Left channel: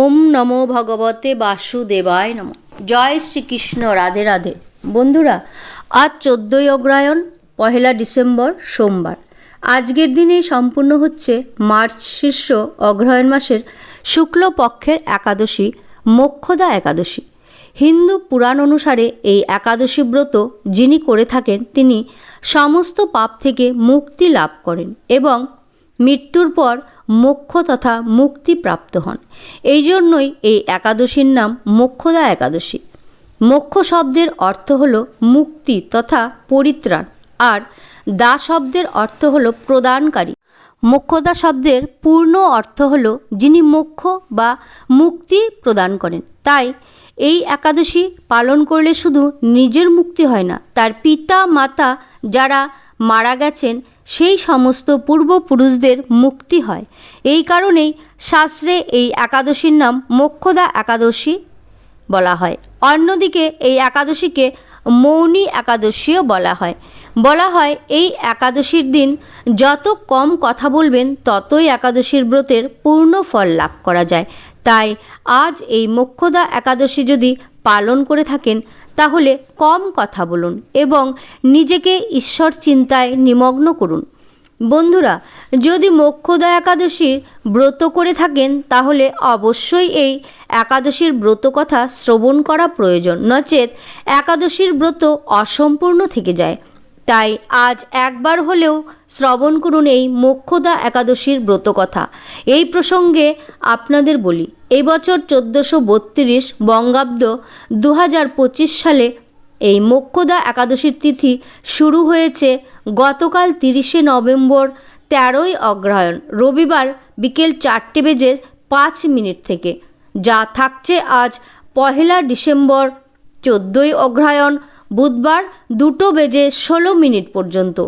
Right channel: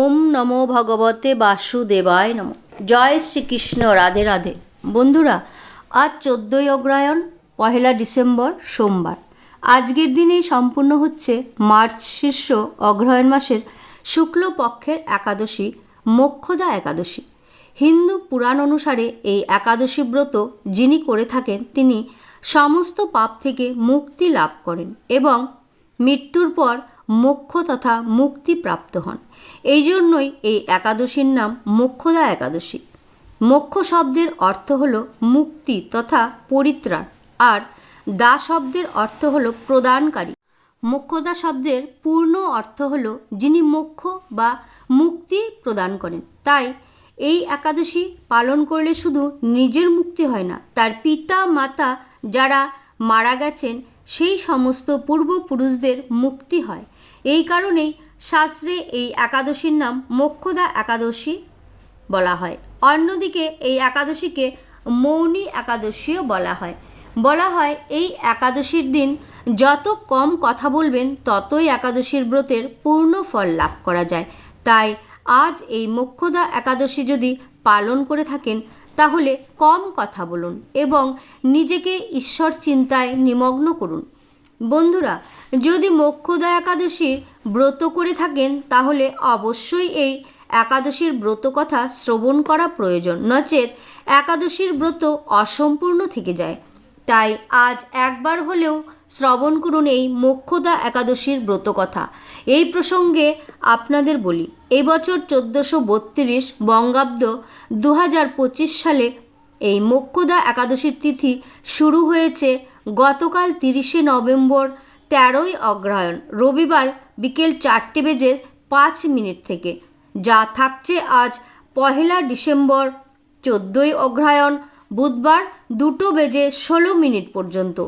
ওম নমো ভগবতে বাসুদেবায় নম। জয় শ্রীকৃষ্ণ, রাধে রাধে। বন্ধুরা, আজ চোদ্দোই অগ্রায়ণ, পহেলা ডিসেম্বর, সোমবার। আজকের দিনেই সম্পূর্ণ হচ্ছে মার্চ শীর্ষ অগ্রহায়ণ মাসের শুক্লপক্ষের একাদশী, মোক্ষদা একাদশী। হিন্দু পুরাণ অনুসারে এই একাদশী ব্রত যিনি করে থাকেন, তিনি সমস্ত পাপ থেকে মুক্তি লাভ করেন এবং মৃত্যুর পর মোক্ষ তথা মুক্তি প্রাপ্ত হন। এই জন্যই এই একাদশীর নাম মোক্ষদা একাদশী। মোক্ষ শব্দের অর্থ হল মুক্তি তথা পরিত্রাণ, আর দা শব্দের অর্থ হল প্রদানকারী। মোক্ষদা শব্দের পূর্ণ অর্থ হল যিনি মোক্ষ বা মুক্তি প্রদান করেন। তাই এই একাদশী পালন করলে শুধু নিজের মুক্তি হয় না, তার পিতা মাতা যারা মারা গেছেন সেই সমস্ত পূর্বপুরুষদের মুক্তি হয়। এই কারণেই শাস্ত্রে এই একাদশীর নাম মোক্ষদা একাদশী বলা হয়। অন্যদিকে এই একাদশীকে মৌনী একাদশীও বলা হয়। বলা হয়, এই একাদশীর দিন যত কম কথা বলবেন, ততই একাদশীর ব্রতের পূর্ণ ফল লাভ করা যায়। তাই আজ এই মোক্ষদা একাদশী যদি পালন করে থাকেন তাহলে কম কথা বলুন এবং নিজেকে ঈশ্বর চিন্তায় নিমগ্ন করুন। বন্ধুরা, যদি মোক্ষদা একাদশীর ব্রত করে থাকেন, তাহলে অবশ্যই এই একাদশীর ব্রত কথা শ্রবণ করা প্রয়োজন। নচেত একাদশীর ব্রত অসম্পূর্ণ থেকে যায়। তাই আজ একবার হলেও শ্রবণ করুন এই মোক্ষদা একাদশীর ব্রত কথা এই প্রসঙ্গে আপনাদের বলি এই বছর চোদ্দোশো বত্রিশ বঙ্গাব্দ দু হাজার পঁচিশ সালে এই মোক্ষদা একাদশীর তিথি শুরু হয়েছে গতকাল তিরিশে নভেম্বর তেরোই অগ্রহায়ণ, রবিবার বিকেল চারটে বেজে পাঁচ মিনিট থেকে, যা থাকছে আজ পহেলা ডিসেম্বর চোদ্দোই অগ্রহায়ণ বুধবার দুটো বেজে ষোলো মিনিট পর্যন্ত।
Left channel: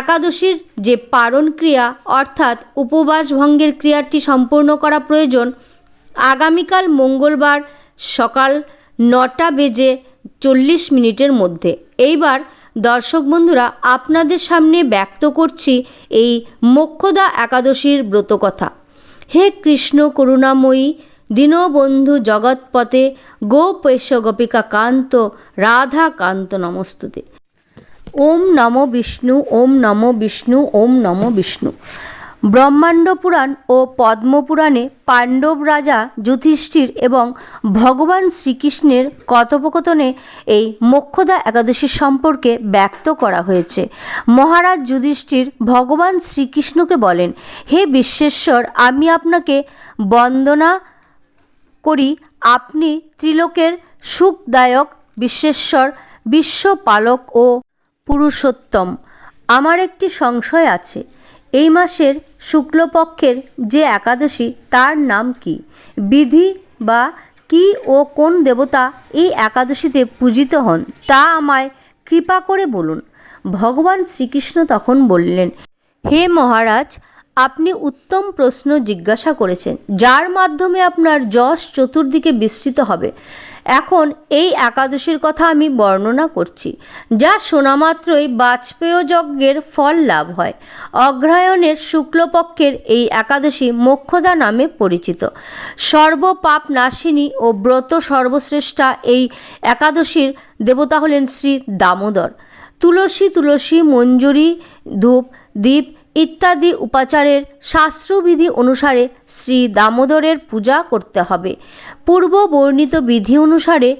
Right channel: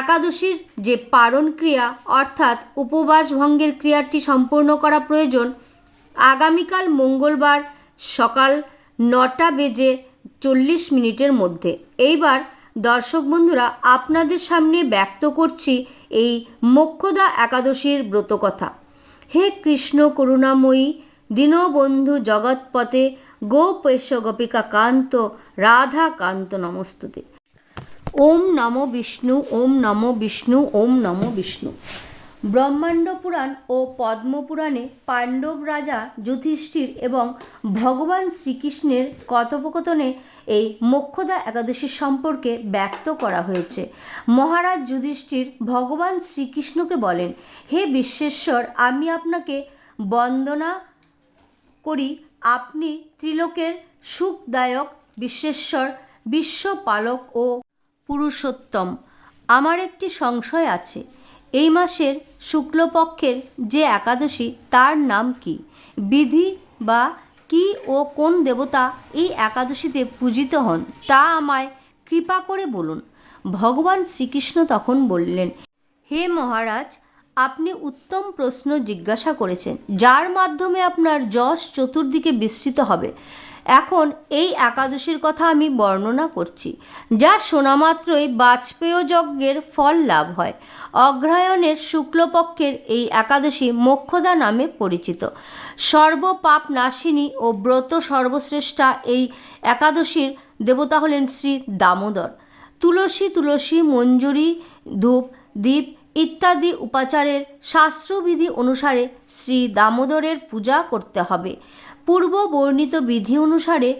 একাদশীর যে পারণ ক্রিয়া, অর্থাৎ উপবাস ভঙ্গের ক্রিয়াটি সম্পূর্ণ করা প্রয়োজন, আগামীকাল মঙ্গলবার সকাল নটা বেজে চল্লিশ মিনিটের মধ্যে। এইবার দর্শক বন্ধুরা, আপনাদের সামনে ব্যক্ত করছি এই মোক্ষদা একাদশীর ব্রতকথা। হে কৃষ্ণ করুণাময়ী দীনবন্ধু জগৎপথে গোপেশ গোপিকা কান্ত রাধা কান্ত নমস্তুতে। ওম নম বিষ্ণু, ওম নম বিষ্ণু, ওম নম বিষ্ণু। ব্রহ্মাণ্ড পুরাণ ও পদ্মপুরাণে পাণ্ডব রাজা যুধিষ্ঠির এবং ভগবান শ্রীকৃষ্ণের কথোপকথনে এই মোক্ষদা একাদশী সম্পর্কে ব্যক্ত করা হয়েছে। মহারাজ যুধিষ্ঠির ভগবান শ্রীকৃষ্ণকে বলেন, হে বিশ্বেশ্বর, আমি আপনাকে বন্দনা করি, আপনি ত্রিলোকের সুখদায়ক বিশ্বেশ্বর, বিশ্বপালক ও পুরুষোত্তম। আমার একটি সংশয় আছে, এই মাসের শুক্লপক্ষের যে একাদশী, তার নাম কি? বিধি বা কি ও কোন দেবতা এই একাদশীতে পূজিত হন, তা আমায় কৃপা করে বলুন। ভগবান শ্রীকৃষ্ণ তখন বললেন, হে মহারাজ আপনি উত্তম প্রশ্ন জিজ্ঞাসা করেছেন, যার মাধ্যমে আপনার যশ চতুর্দিকে বিস্তৃত হবে। এখন এই একাদশীর কথা আমি বর্ণনা করছি, যা শোনা মাত্রই বাজপেয় যজ্ঞের ফল লাভ হয়। অগ্রহায়ণের শুক্লপক্ষের এই একাদশী মোক্ষদা নামে পরিচিত। সর্বপাপ নাশিনী ও ব্রত সর্বশ্রেষ্ঠা এই একাদশীর দেবতা হলেন শ্রী দামোদর। তুলসী তুলসী মঞ্জুরি, ধূপ দ্বীপ ইত্যাদি উপাচারের শাস্ত্রবিধি অনুসারে শ্রী দামোদরের পূজা করতে হবে। পূর্ব বর্ণিত বিধি অনুসারে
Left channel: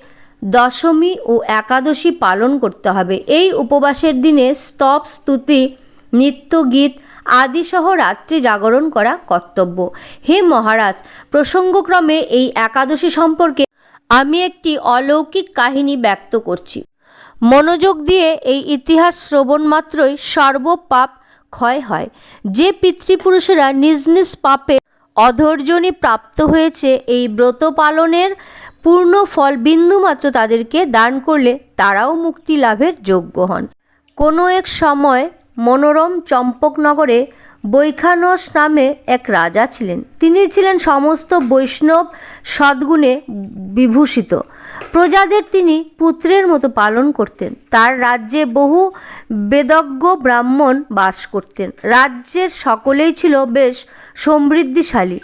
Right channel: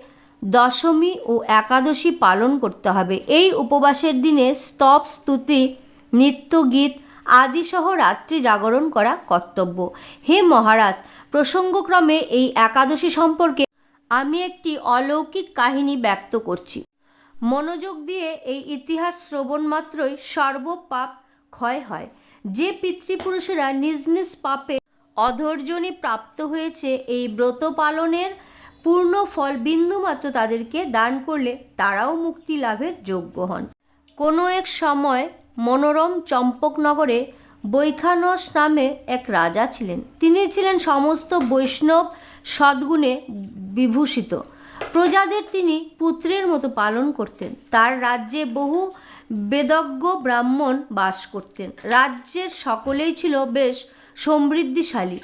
দশমী ও একাদশী পালন করতে হবে। এই উপবাসের দিনে স্তব, স্তুতি নৃত্য গীত আদিসহ রাত্রি জাগরণ করা কর্তব্য। হে মহারাজ, প্রসঙ্গক্রমে এই একাদশী সম্পর্কে আমি একটি অলৌকিক কাহিনী ব্যক্ত করছি। মনোযোগ দিয়ে এই ইতিহাস শ্রবণ মাত্রই সর্বপাপ ক্ষয় হয়। যে পিতৃপুরুষেরা নিজ নিজ পাপে অধৈর্যনি প্রাপ্ত হয়েছে, এই ব্রত পালনের পূর্ণ ফল বিন্দুমাত্র তাদেরকে দান করলে তারাও মুক্তি লাভের যোগ্য হন। কোনো এক সময় মনোরম চম্পকনগরে বৈখানস নামে এক রাজা ছিলেন। তিনি ছিলেন সমস্ত বৈষ্ণব সদ্গুণে বিভূষিত। প্রজাদের তিনি পুত্রের মতো পালন করতেন। তার রাজ্যে বহু বেদজ্ঞ ব্রাহ্মণ বাস করতেন। রাজ্যের সকলেই ছিল বেশ সমৃদ্ধিশালী।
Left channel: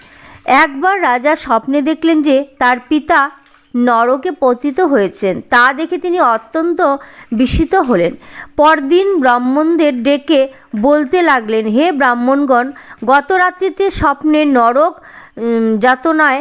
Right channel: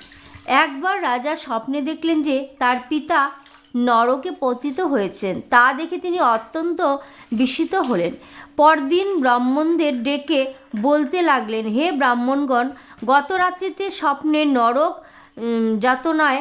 একবার রাজা স্বপ্নে দেখলেন যে তার পিতা নরকে পতিত হয়েছেন, তা দেখে তিনি অত্যন্ত বিস্মিত হলেন। পরদিন ব্রাহ্মণদের ডেকে বলতে লাগলেন, হে ব্রাহ্মণগণ গত রাত্রিতে স্বপ্নে নরক যাতনায়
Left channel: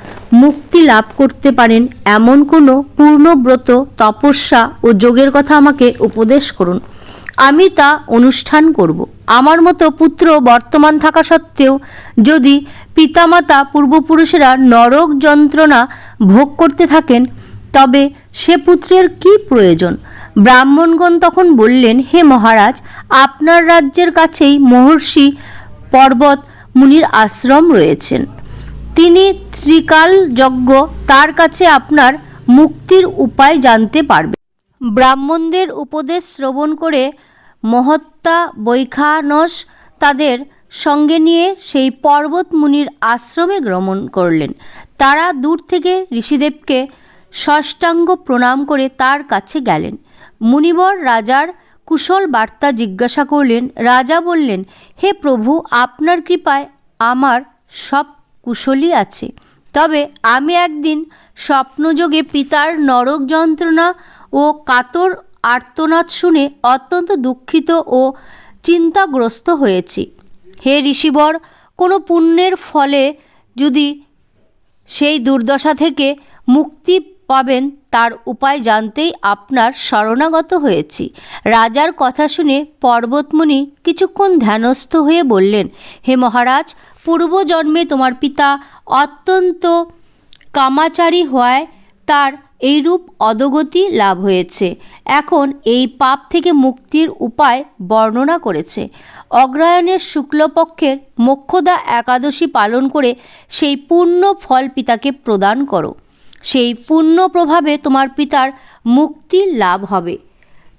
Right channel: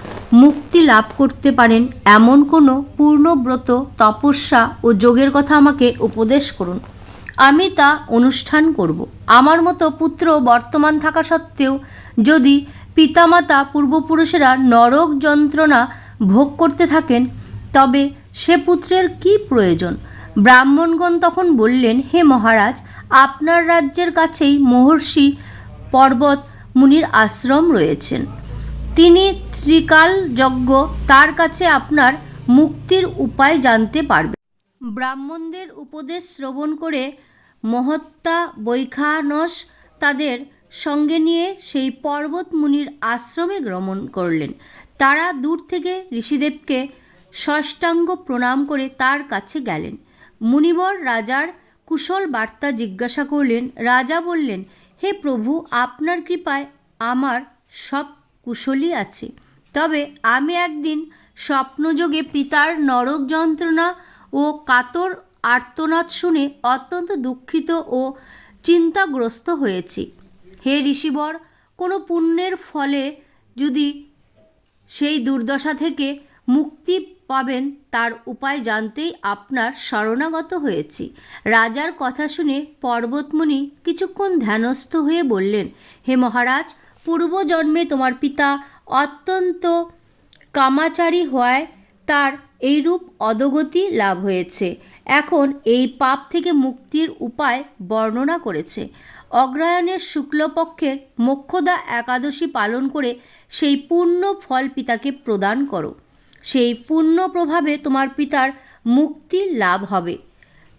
মুক্তি লাভ করতে পারেন এমন কোনো পূর্ণব্রত, তপস্যা ও যোগের কথা আমাকে উপদেশ করুন। আমি তা অনুষ্ঠান করব। আমার মতো পুত্র বর্তমান থাকা সত্ত্বেও যদি পিতামাতা পূর্বপুরুষেরা নরক যন্ত্রণা ভোগ করতে থাকেন, তবে সে পুত্রের কি প্রয়োজন? ব্রাহ্মণগণ তখন বললেন, হে মহারাজ, আপনার রাজ্যের কাছেই মহর্ষি পর্বত মুনির আশ্রম রয়েছেন। তিনি ত্রিকাল যজ্ঞ তার কাছে আপনার মুক্তির উপায় জানতে পারবেন ব্রাহ্মণদের উপদেশ শ্রবণ করে মহত্তা বৈখানস তাদের সঙ্গে নিয়ে সেই পর্বত মুনির আশ্রমে গমন করলেন। তারা দূর থেকে ঋষিদেবকে ষষ্ঠাঙ্গ প্রণাম করে তার কাছে গেলেন। মুনিবর রাজার কুশল বার্তা জিজ্ঞাসা করলেন, রাজা বললেন, হে প্রভু, আপনার কৃপায় আমার সব কুশলই আছে। তবে আমি একদিন স্বপ্নযোগে পিতার নরক যন্ত্রণা ও কাতর আর্তনাদ শুনে অত্যন্ত দুঃখিত ও চিন্তাগ্রস্ত হয়েছি। হে ঋষিবর, কোনো পুণ্যের ফলে যদি সেই দুর্দশা থেকে মুক্তি পাবেন, তার উপায় জানতেই আপনার শরণাগত হয়েছি। রাজার কথা শুনে পর্বতমণি কিছুক্ষণ ধ্যানস্থ হয়ে বললেন, হে মহারাজ পূর্বজন্মে তোমার পিতা অত্যন্ত কামাচারী হওয়ায় তার এইরূপ অধগতি লাভ হয়েছে। এখন এই পাপ থেকে মুক্তির উপায় বর্ণনা করেছে। অগ্রায়ণের শুক্লপক্ষের মোক্ষদা একাদশী পালন করে সেই পূর্ণ ফল পিতাকে প্রদান করো। সেই পূর্ণ প্রভাবে তোমার পিতার মুক্তি লাভ হবে।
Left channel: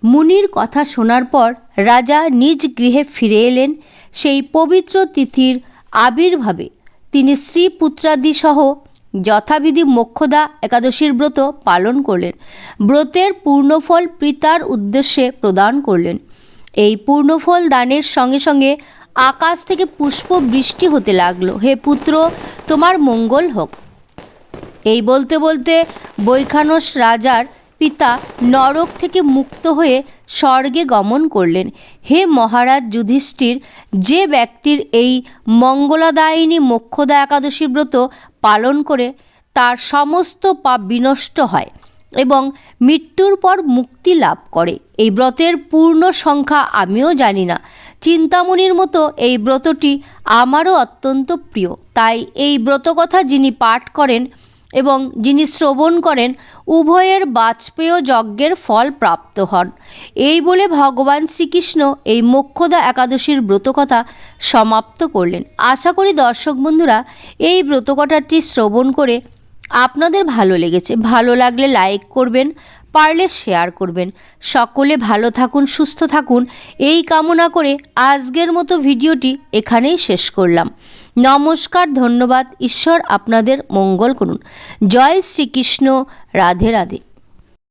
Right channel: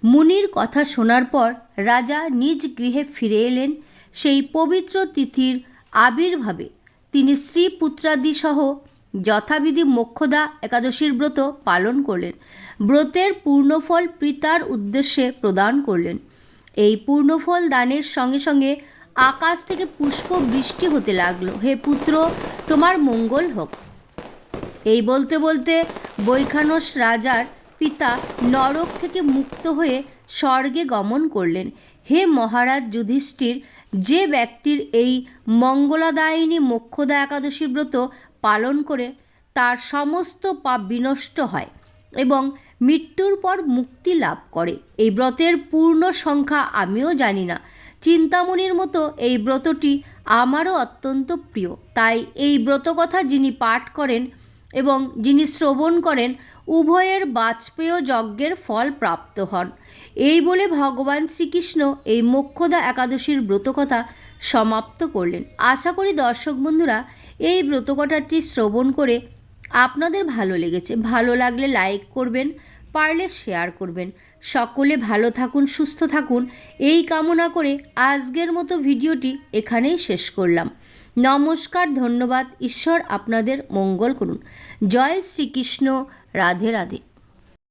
মুনির কথা শোনার পর রাজা নিজ গৃহে ফিরে এলেন। সেই পবিত্র তিথির আবির্ভাবে। তিনি স্ত্রী পুত্রাদি সহ যথাবিধি মোক্ষদা একাদশীর ব্রত পালন করলেন। ব্রতের পূর্ণফল পিতার উদ্দেশ্যে প্রদান করলেন। এই পূর্ণফল দানের সঙ্গে সঙ্গে আকাশ থেকে পুষ্প বৃষ্টি হতে লাগল। হে পুত্র, তোমার মঙ্গল হোক। এই বলতে বলতে বৈখানস রাজার পিতা নরক থেকে মুক্ত হয়ে স্বর্গে গমন করলেন। হে মহারাজ যুধিষ্ঠির, যে ব্যক্তির এই মঙ্গলাদায়িনী মোক্ষদা একাদশী ব্রত পালন করে তার সমস্ত পাপ বিনষ্ট হয় এবং মৃত্যুর পর মুক্তি লাভ করে। এই ব্রতের পূর্ণ সংখ্যা আমিও জানি না। চিন্তামণির মতো এই ব্রতটি আমারও অত্যন্ত প্রিয়। তাই এই ব্রতকথা যিনি পাঠ করেন এবং যিনি শ্রবণ করেন, উভয়ের বাজপেয় যজ্ঞের ফল প্রাপ্ত হন। এই বলে ভগবান শ্রীকৃষ্ণ এই মোক্ষদা একাদশীর ব্রতকথা সমাপ্ত করলেন। আশা করি দর্শক বন্ধুরা, এই ব্রতকথাটি শ্রবণ করে আপনাদের ভালো লেগেছে। ভালো লাগলে লাইক করবেন, পারলে শেয়ার করবেন। সকলে ভালো থাকুন, সুস্থ থাকুন। এই কামনা করে আজকের মতো ভিডিওটি এখানেই শেষ করলাম। নমস্কার ধন্যবাদ। ঈশ্বর আপনাদের মঙ্গল করুন। জয় শ্রীকৃষ্ণ। রাধে রাধে।